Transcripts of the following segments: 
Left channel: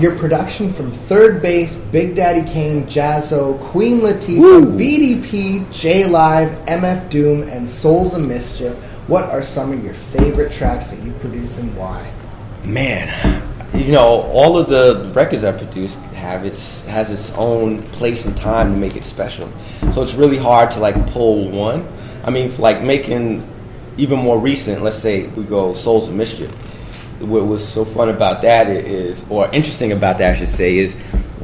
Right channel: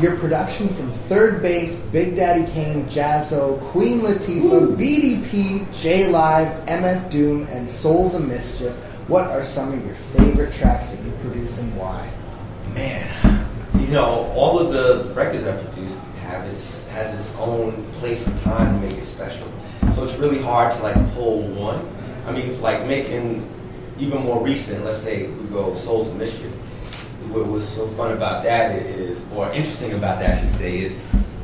your production from Third Base, Big Daddy Kane, jaz-o, Queen Latifah, BDP, J-Live, MF Doom, and Souls of Mischief. What are some of your favorite tracks that you produce and why? Man, you know, all of the records I produced has its own place and time to make it special. So it's really hard to like pull one. I mean, like making even more recent, let's say we go Souls of Mischief. What was so fun about that is, or interesting about that I should say, is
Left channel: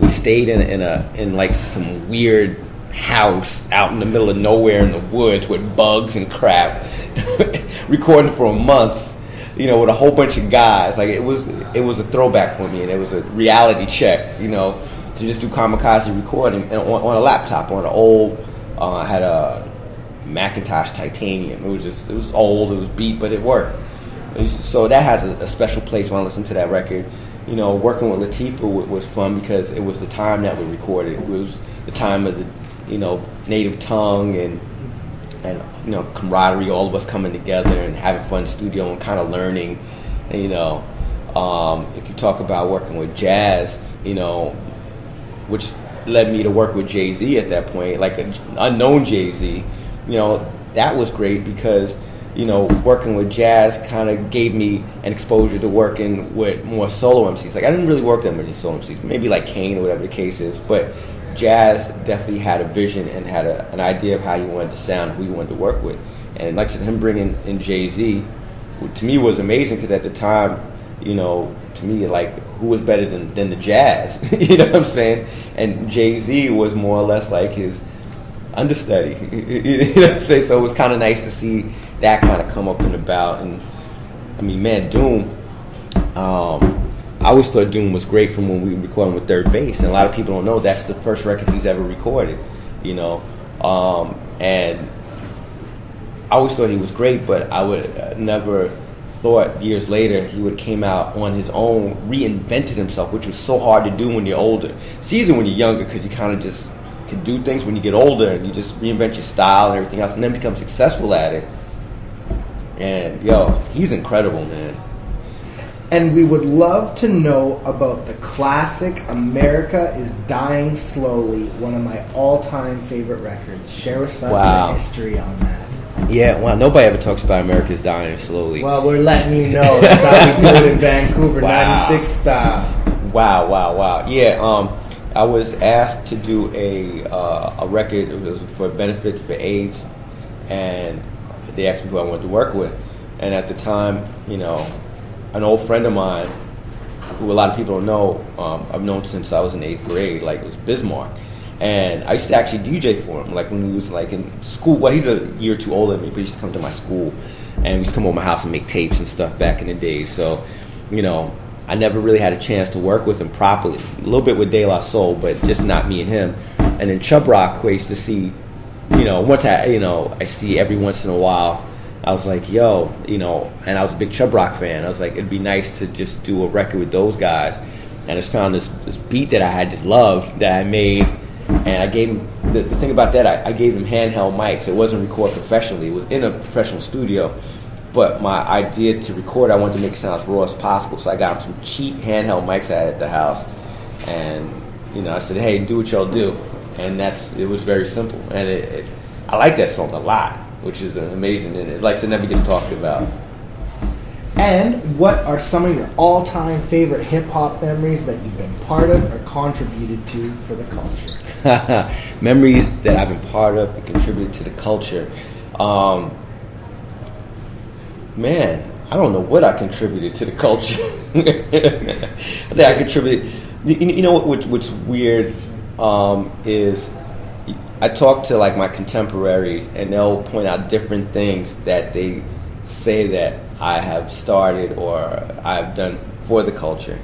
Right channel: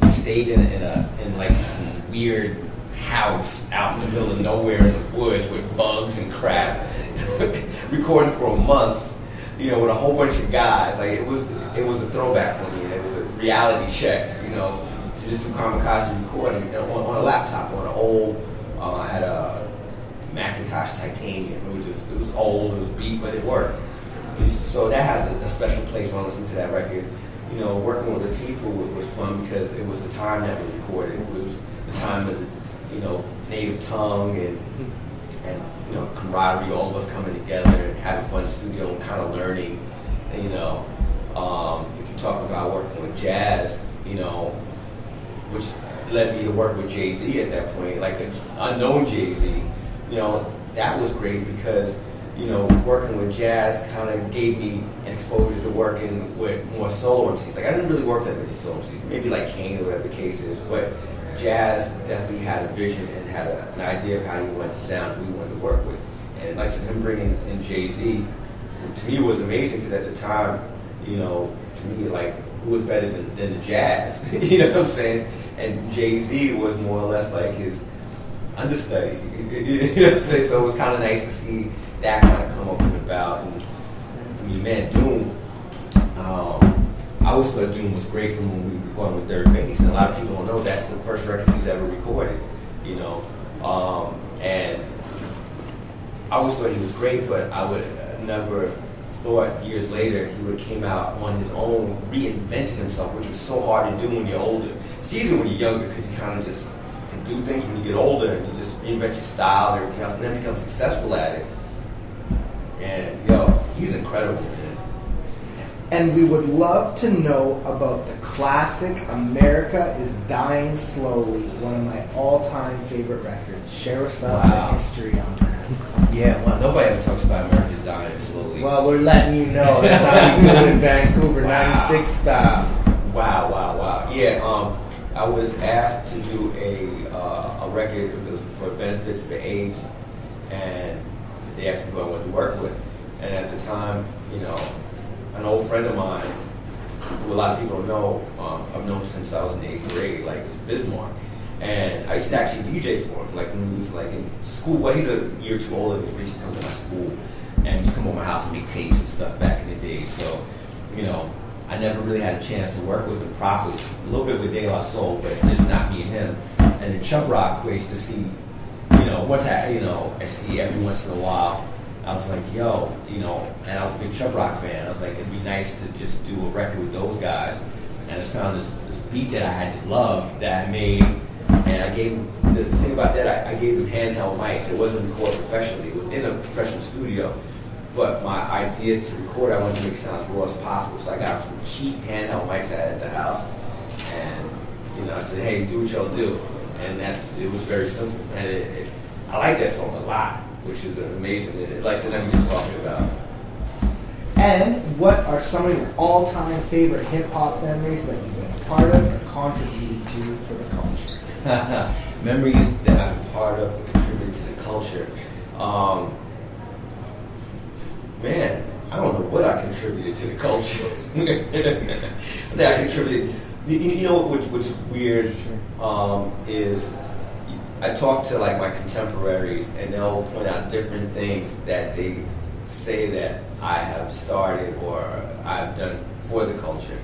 we stayed in like some weird house out in the middle of nowhere in the woods with bugs and crap, recording for a month, you know, with a whole bunch of guys. Like it was a throwback for me, and it was a reality check, you know, to just do kamikaze recording on a laptop, on an old, I had a Macintosh Titanium. It was old, it was beat, but it worked. So that has a special place when I listen to that record. You know, working with Latifah was fun because it was the time that we recorded. It was the time of the, you know, native tongue and you know, camaraderie, all of us coming together and having fun in the studio and kind of learning. And, you know, if you talk about working with jazz, you know, which led me to work with Jay-Z at that point, like an unknown Jay-Z, you know, that was great because, you know, working with jazz kind of gave me an exposure to working with more solo MCs. Like, I didn't really work that many solo MCs, maybe like Kane or whatever the case is, but jazz definitely had a vision and had an idea of how he wanted to sound, who he wanted to work with. And like I said, him bringing in Jay-Z, to me was amazing because at the time, you know, to me, like, who was better than the jazz? You know what I'm saying? And Jay-Z was more or less like his understudy. You know what I'm saying? So it was kind of nice to see that kind of come up and about. And I mean, man, Doom, I always thought Doom was great from when we recorded with Third Base, and a lot of people don't know that's the first record he's ever recorded, you know. And I always thought he was great, but I would never thought years later he would have came out on his own, reinvented himself, which was so hard to do when you're older. It's easy when you're younger because you kind of just can do things. When you get older and you just reinvent your style and everything else, and then become successful at it. And yo, he's incredible, man. And we would love to know about the classic America is Dying Slowly, one of my all-time favorite records. Share with us the history on that. Yeah, wow, nobody ever talks about America is Dying Slowly. Well, we're letting you know. That's how we do it in Vancouver, 96 style. Wow. Yeah, I was asked to do a record. It was for a benefit for AIDS, and they asked me who I wanted to work with. And at the time, you know, an old friend of mine, who a lot of people don't know, I've known since I was in 8th grade, like, it was Bismarck. And I used to actually DJ for him, like when he was like in school. Well, he's a year or two older than me, but he used to come to my school. And he used to come over to my house and make tapes and stuff back in the days. So, you know, I never really had a chance to work with him properly. A little bit with De La Soul, but just not me and him. And in Chub Rock, I used to see, you know, I see every once in a while, I was like, yo, you know, and I was a big Chub Rock fan. I was like, it'd be nice to just do a record with those guys. And I just found this beat that I had just loved that I made. And I gave him, the thing about that, I gave him handheld mics. It wasn't recorded professionally. It was in a professional studio. But my idea to record, I wanted to make it sound as raw as possible. So I got some cheap handheld mics I had at the house. And, you know, I said, hey, do what y'all do. And it was very simple. And I like that song a lot, which is amazing. And like I said, never gets talked about. And what are some of your all-time favorite hip-hop memories that you've been part of or contributed to for the culture? Memories that I've been part of and contributed to the culture. Man, I don't know what I contributed to the culture. I think I contributed. You know what's weird is I talk to like my contemporaries, and they'll point out different things that they say that I have started or I've done for the culture.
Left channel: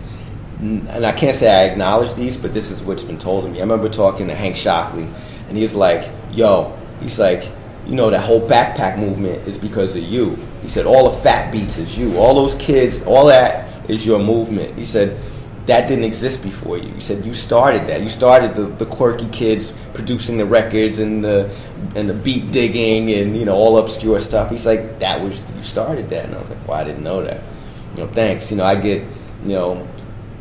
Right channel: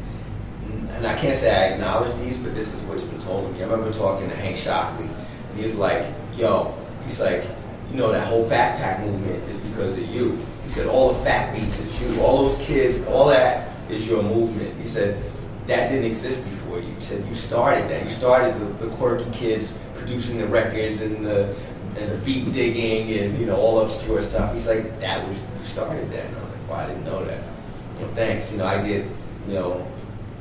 And I can't say I acknowledge these, but this is what's been told to me. I remember talking to Hank Shockley, and he was like, yo, he's like, you know, that whole backpack movement is because of you. He said, all the fat beats is you. All those kids, all that is your movement. He said, that didn't exist before you. He said, you started that. You started the quirky kids producing the records and the beat digging and, you know, all obscure stuff. He's like, you started that. And I was like, well, I didn't know that. You know, thanks. You know, I get, you know,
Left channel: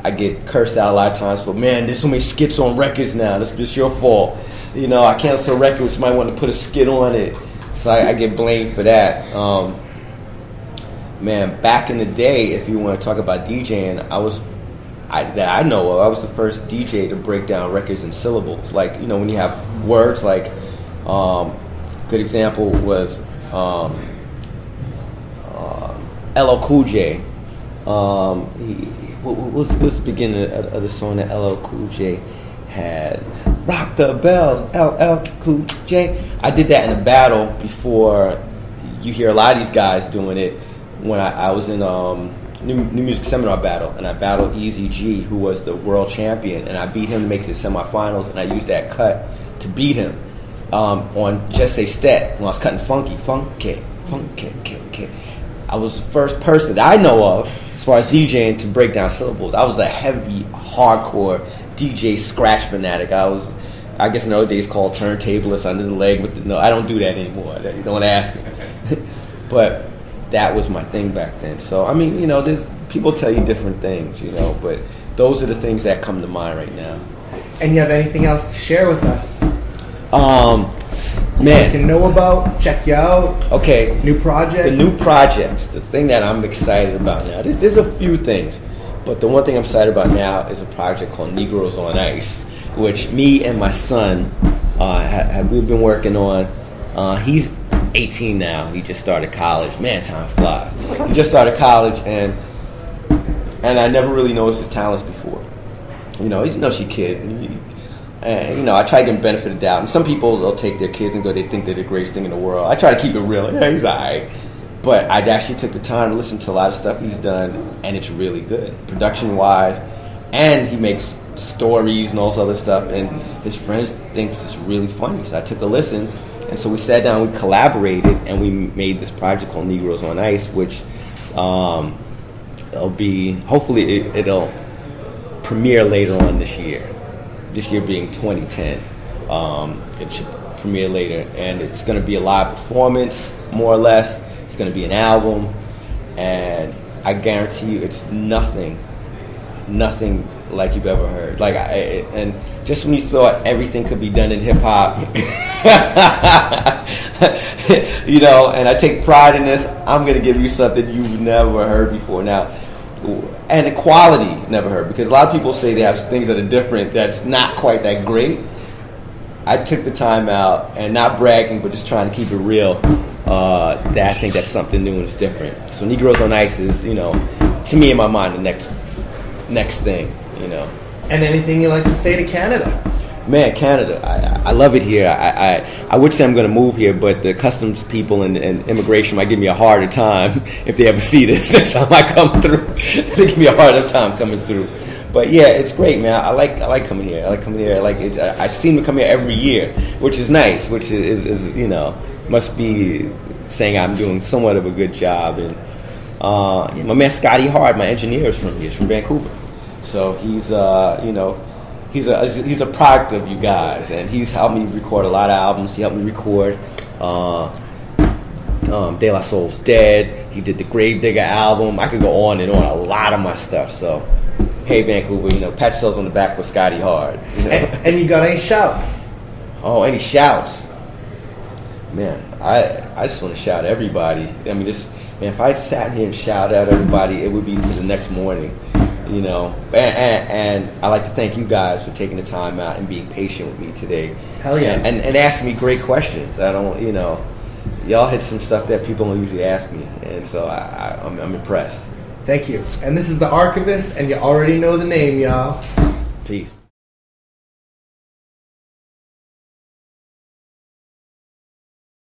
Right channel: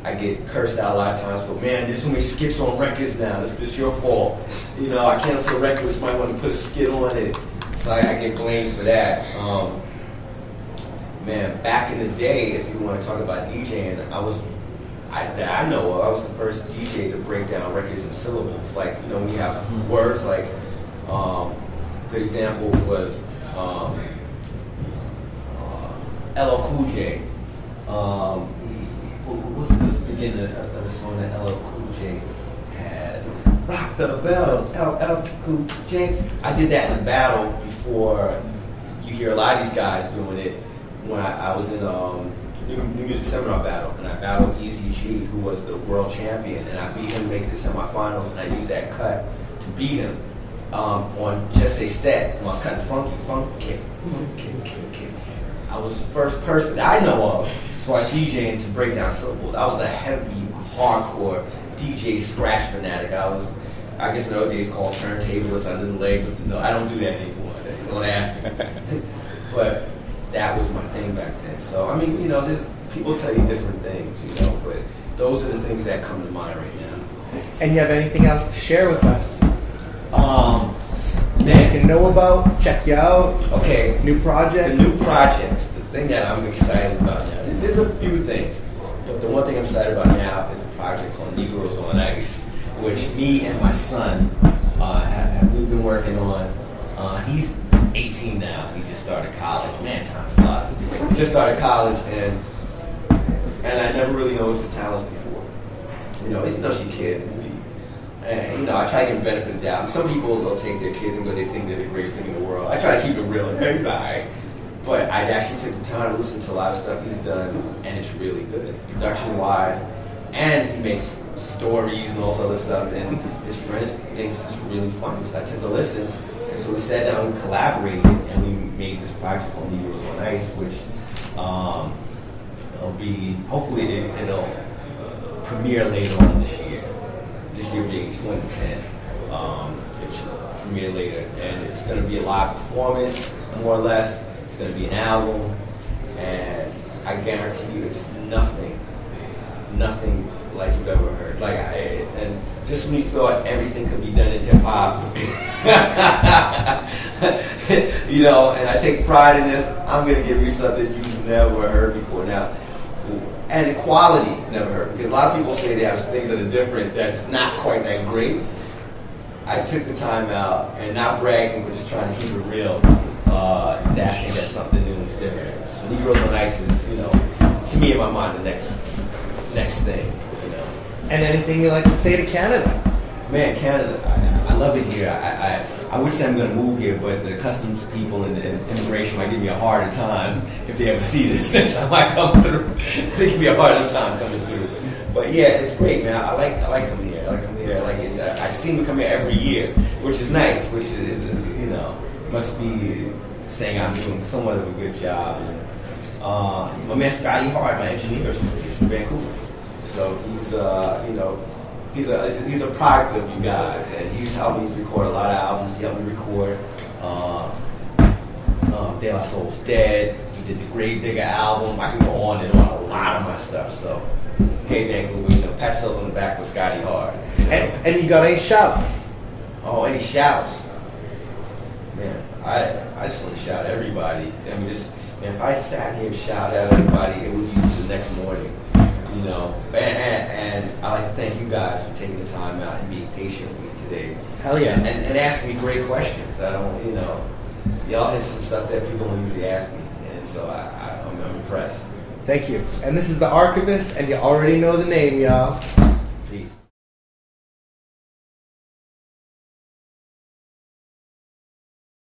I get cursed out a lot of times for, man, there's so many skits on records now. It's your fault. You know, I cancel a record when somebody wanted to put a skit on it. So I get blamed for that. Man, back in the day, if you want to talk about DJing, that I know of, I was the first DJ to break down records in syllables. Like, you know, when you have words like, good example was LL Cool J. What's the beginning of the song that LL Cool J had? Rock the bells, LL Cool J. I did that in a battle before you hear a lot of these guys doing it. When I was in New Music Seminar battle, and I battled Easy G, who was the world champion, and I beat him to make it to the semifinals, and I used that cut to beat him on Just Say Stet when I was cutting funky. I was the first person that I know of, as far as DJing, to break down syllables. I was a heavy, hardcore DJ scratch fanatic. I guess in those days called turntablist under the leg, but no, I don't do that anymore. Don't ask me. But that was my thing back then. So, I mean, you know, there's people tell you different things, you know, but those are the things that come to mind right now. And you have anything else to share with us? Man, you can know about, check you out. Okay. New projects. The new projects, the thing that I'm excited about now. There's a few things, but the one thing I'm excited about now is a project called Negroes on Ice, which me and my son we've been working on. He's 18 now. He just started college. Man, time flies. He just started college, and I never really noticed his talents before. You know, he's no kid. And, you know, I try to give him benefit of the doubt. And some people, they'll take their kids and they think they're the greatest thing in the world. I try to keep it real. Yeah, he's all right. But I actually took the time to listen to a lot of stuff he's done, and it's really good, production-wise. And he makes stories and all this other stuff, and his friends thinks it's really funny. So I took a listen, and so we sat down, we collaborated, and we made this project called Negroes on Ice, which hopefully it'll premiere later on this year. This year being 2010, it should premiere later, and it's going to be a live performance, more or less. It's going to be an album, and I guarantee you, it's nothing like you've ever heard. And just when you thought everything could be done in hip hop, you know, and I take pride in this. I'm going to give you something you've never heard before. Now. And the quality never heard, because a lot of people say they have things that are different that's not quite that great. I took the time out, and not bragging, but just trying to keep it real, that I think that's something new and it's different. So Negroes on Ice is, you know, to me in my mind, the next thing, you know. And anything you like to say to Canada? Man, Canada, I love it here. I would say I'm going to move here, but the customs people and immigration might give me a harder time if they ever see this next time I come through. They give me a harder time coming through. But yeah, it's great, man. I like coming here. I like coming here. I seem to come here every year, which is nice. Which is you know, must be saying I'm doing somewhat of a good job. And my man Scotty Hard, my engineer, is from here. He's from Vancouver, so he's you know. He's a product of you guys, and he's helped me record a lot of albums. He helped me record De La Soul's Dead. He did the Gravedigger album. I could go on and on, a lot of my stuff. So, hey Vancouver, you know, pat yourselves on the back for Scotty Hard. You know? And you got any shouts? Oh, any shouts? Man, I just want to shout everybody. I mean, if I sat here and shouted at everybody, it would be to the next morning. You know, and I like to thank you guys for taking the time out and being patient with me today. Hell yeah. And asking me great questions. I don't, you know, y'all hit some stuff that people don't usually ask me, and so I'm impressed. Thank you. And this is the Archivest, and you already know the name, y'all. Peace.